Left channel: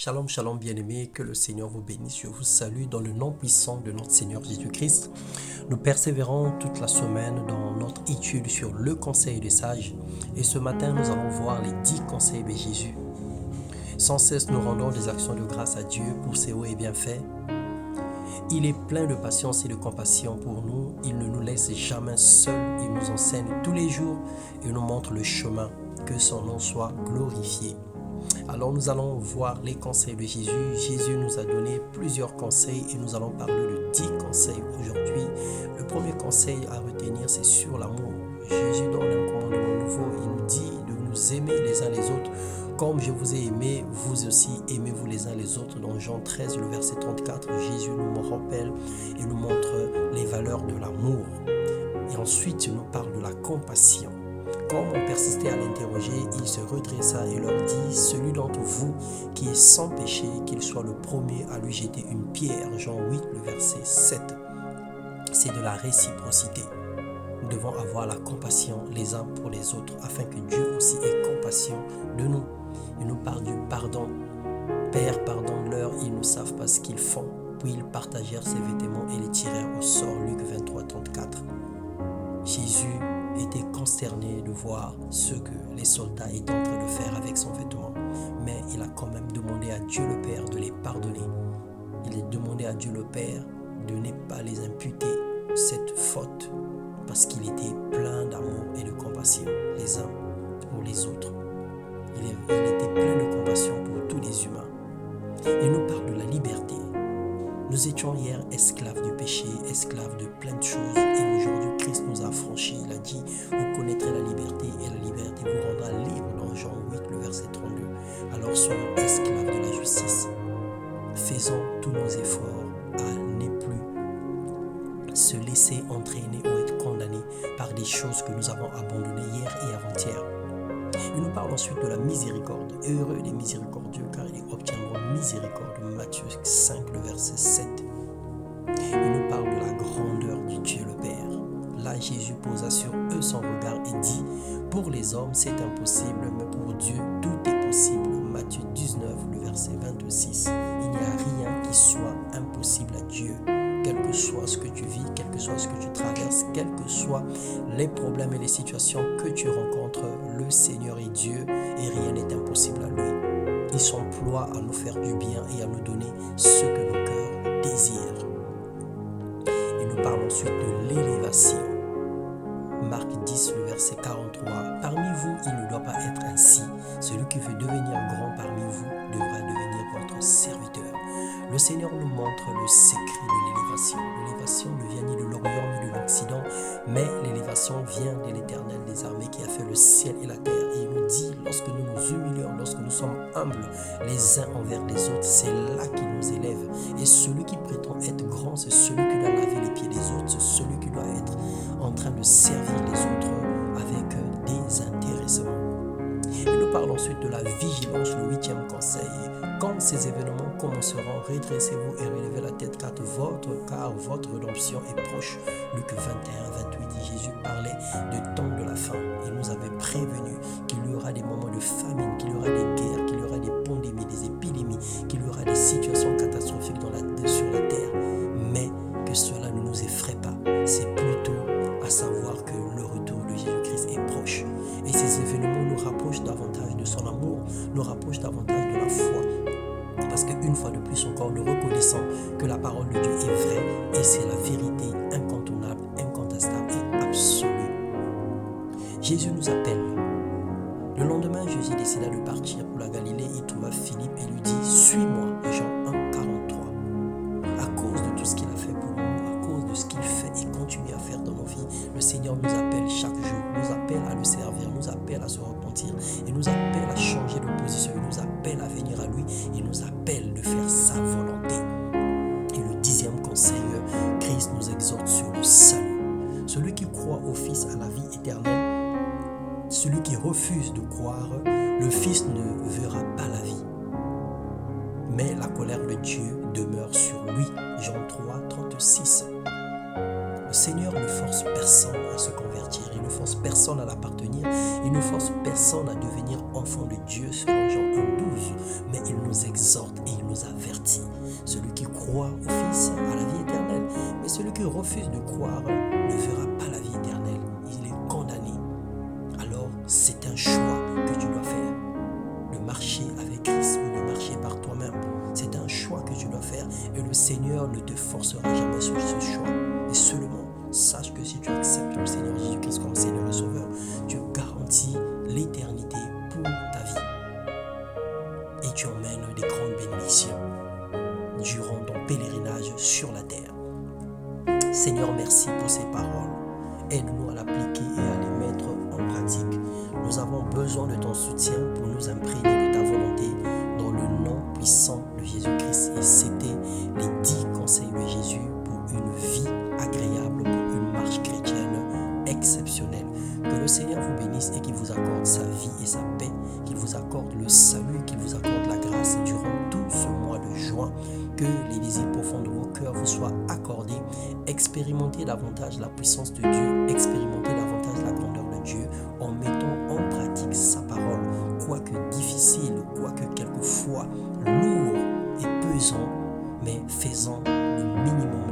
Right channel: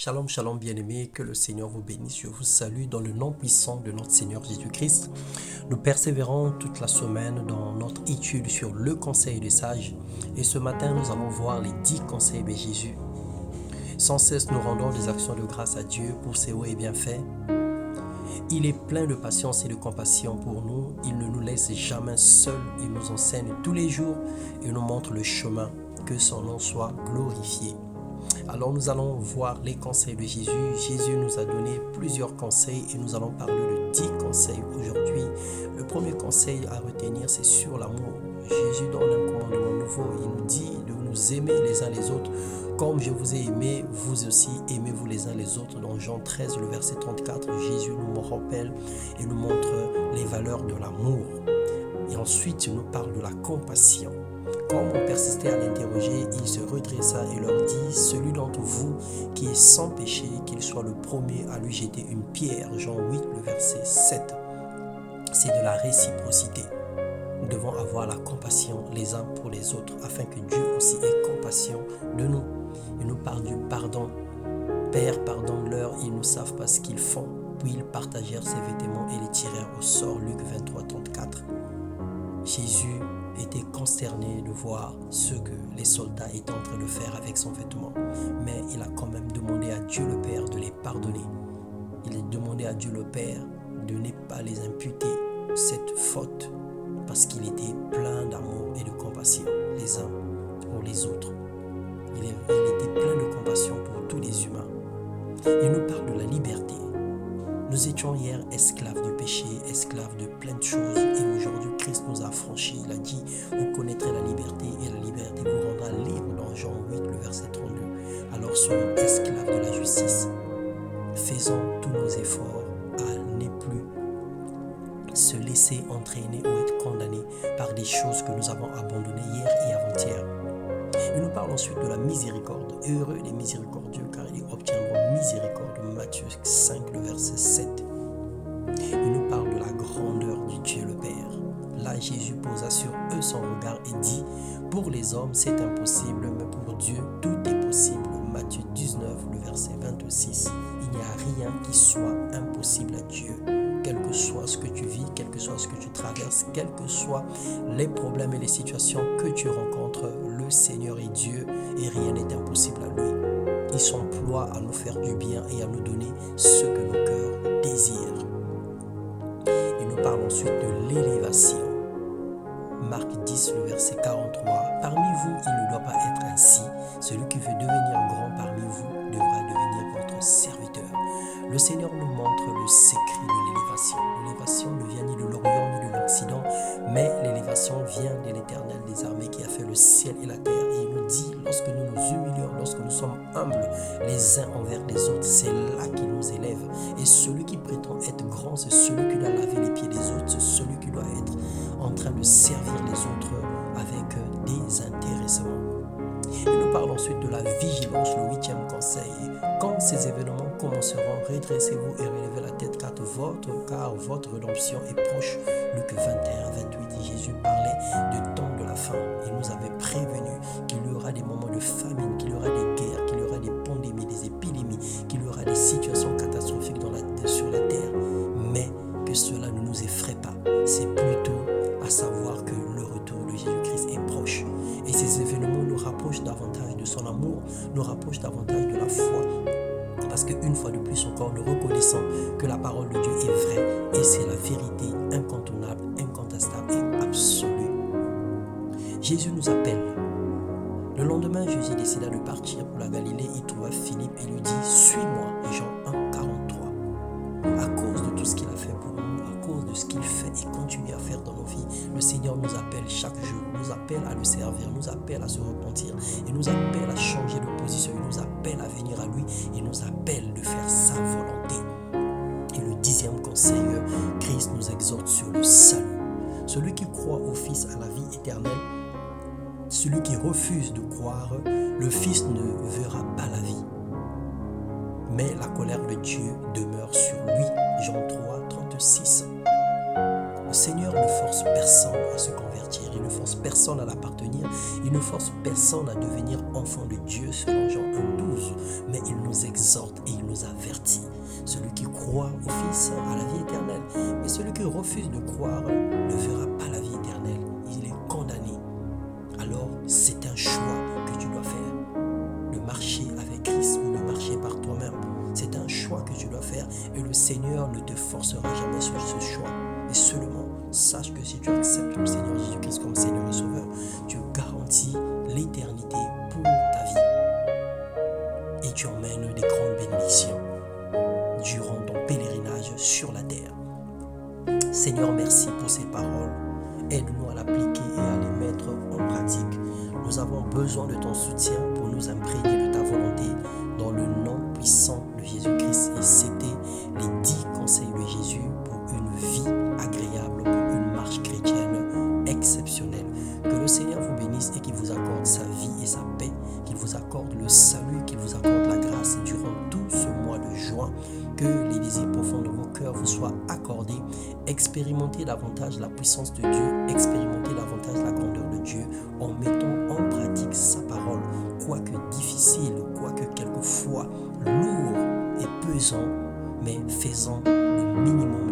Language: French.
Shalom, shalom bien-aimés, que le Seigneur vous bénisse. Je vous salue dans le nom puissant de notre Seigneur Jésus-Christ. Nous persévérons toute la semaine dans notre étude sur le conseil des sages. Et ce matin, nous allons voir les 10 conseils de Jésus. Sans cesse, nous rendons des actions de grâce à Dieu pour ses hauts et bienfaits. Il est plein de patience et de compassion pour nous. Il ne nous laisse jamais seuls. Il nous enseigne tous les jours et nous montre le chemin. Que son nom soit glorifié. Alors nous allons voir les conseils de Jésus. Jésus nous a donné plusieurs conseils et nous allons parler de 10 conseils aujourd'hui. Le premier conseil à retenir, c'est sur l'amour. Jésus donne un commandement nouveau. Il nous dit de nous aimer les uns les autres. Comme je vous ai aimé, vous aussi aimez-vous les uns les autres. Dans Jean 13, le verset 34, Jésus nous rappelle et nous montre les valeurs de l'amour. Et ensuite, il nous parle de la compassion. Comme on persistait à l'interroger, il se redressa et leur dit, celui d'entre vous qui est sans péché, qu'il soit le premier à lui jeter une pierre. Jean 8, le verset 7. C'est de la réciprocité. Nous devons avoir la compassion les uns pour les autres, afin que Dieu aussi ait compassion de nous. Il nous parle du pardon. Père, pardonne-leur, ils ne savent pas ce qu'ils font. Puis ils partagèrent ses vêtements et les tirèrent au sort. Luc 23, 34. Jésus était consterné de voir ce que les soldats étaient en train de faire avec son vêtement. Mais il a quand même demandé à Dieu le Père de les pardonner. Il a demandé à Dieu le Père de ne pas les imputer cette faute parce qu'il était plein d'amour et de compassion les uns pour les autres. Il était plein de compassion pour tous les humains. Il nous parle de la liberté. Nous étions hier esclaves du péché, esclaves de plein de choses et aujourd'hui Christ nous a affranchis. Il a dit, vous connaîtrez la liberté et la liberté vous rendra libre dans Jean 8, le verset 32. Alors soyons esclaves de la justice. Faisons tous nos efforts à ne plus se laisser entraîner ou être condamnés par des choses que nous avons abandonnées hier et avant-hier. Il nous parle ensuite de la miséricorde. Heureux les miséricordieux car ils obtiendront miséricorde. Matthieu 5, le verset 7. Il nous parle de la grandeur du Dieu le Père. Là, Jésus posa sur eux son regard et dit, pour les hommes c'est impossible, mais pour Dieu tout est possible. Matthieu 19, le verset 26. Il n'y a rien qui soit impossible à Dieu. Quel que soit ce que tu vis, quel que soit ce que tu traverses, quels que soient les problèmes et les situations que tu rencontres, le Seigneur est Dieu et rien n'est impossible à lui. Il s'emploie à nous faire du bien et à nous donner ce que nos cœurs désirent. Il nous parle ensuite de l'élévation. Marc 10, le verset 43. Parmi vous, il ne doit pas être ainsi. Celui qui veut devenir grand parmi vous devra devenir votre serviteur. Le Seigneur nous montre le secret de l'élévation. L'élévation ne vient ni de l'Orient ni de l'Occident, mais l'élévation vient de l'Éternel des armées qui a fait le ciel et la terre. Et il nous dit, lorsque nous nous humilions, lorsque nous sommes humbles les uns envers les autres, c'est là qu'il nous élève. Et celui qui prétend être grand, c'est celui qui doit laver les pieds des autres, c'est celui qui doit être en train de servir les autres avec désintéressement. Il nous parle ensuite de la vigilance, le 8e conseil. Quand ces événements commenceront, redressez-vous et relevez la tête car votre rédemption est proche. Luc 21, 28, Jésus parlait du temps de la fin. Il nous avait prévenu qu'il y aura des moments de famine, qu'il y aura des guerres, qu'il y aura des pandémies, des épidémies, qu'il y aura des situations catastrophiques sur la terre. Mais que cela ne nous effraie pas. C'est plutôt à savoir que le retour de Jésus-Christ est proche. Et ces événements nous rapprochent davantage de son amour, nous rapprochent davantage de la foi. Parce qu'une fois de plus encore, nous reconnaissons que la parole de Dieu est vraie et c'est la vérité incontournable, incontestable et absolue. Jésus nous appelle. Le lendemain, Jésus décida de partir pour la Galilée. Il trouva Philippe et lui dit, suis-moi, Jean 1, 43. À cause de tout ce qu'il a fait pour nous, à cause de ce qu'il fait et continue à faire dans nos vies, le Seigneur nous appelle chaque jour, nous appelle à le servir, nous appelle à se repentir, il nous appelle à changer de position, il nous appelle à venir à lui, il nous appelle de faire sa volonté. Et le 10e conseil, Christ nous exhorte sur le salut. Celui qui croit au Fils a la vie éternelle. Celui qui refuse de croire, le Fils ne verra pas la vie. Mais la colère de Dieu demeure sur lui. Jean 3, 36. Le Seigneur ne force personne à se convertir, il ne force personne à l'appartenir, il ne force personne à devenir enfant de Dieu selon Jean 1, 12. Mais il nous nous exhorte et il nous avertit. Celui qui croit au Fils a la vie éternelle, mais celui qui refuse de croire ne verra pas la vie éternelle. Il est condamné. Alors, c'est un choix que tu dois faire. De marcher avec Christ ou de marcher par toi-même. C'est un choix que tu dois faire et le Seigneur ne te forcera jamais sur ce choix. Et seulement, sache que si tu acceptes le Seigneur Jésus-Christ comme Seigneur et Sauveur, tu garantis l'éternité pour ta vie. Et tu emmènes des grandes bénédictions durant ton pèlerinage sur la terre. Seigneur, merci pour ces paroles. Aide-nous à l'appliquer et à les mettre en pratique. Nous avons besoin de ton soutien pour nous imprégner de ta volonté dans le nom puissant de Jésus-Christ. Et c'était les 10 conseils de Jésus pour une vie agréable, pour une marche chrétienne exceptionnelle. Que le Seigneur vous bénisse et qu'il vous accorde sa vie et sa paix, qu'il vous accorde le salut, qu'il vous accorde la grâce durant tout ce mois de juin. Que les désirs profonds de vos cœurs vous soient accordés. Expérimentez davantage la puissance de Dieu, expérimentez davantage la grandeur de Dieu en mettant en pratique sa parole, quoique difficile, quoique quelquefois lourd et pesant, mais faisant le minimum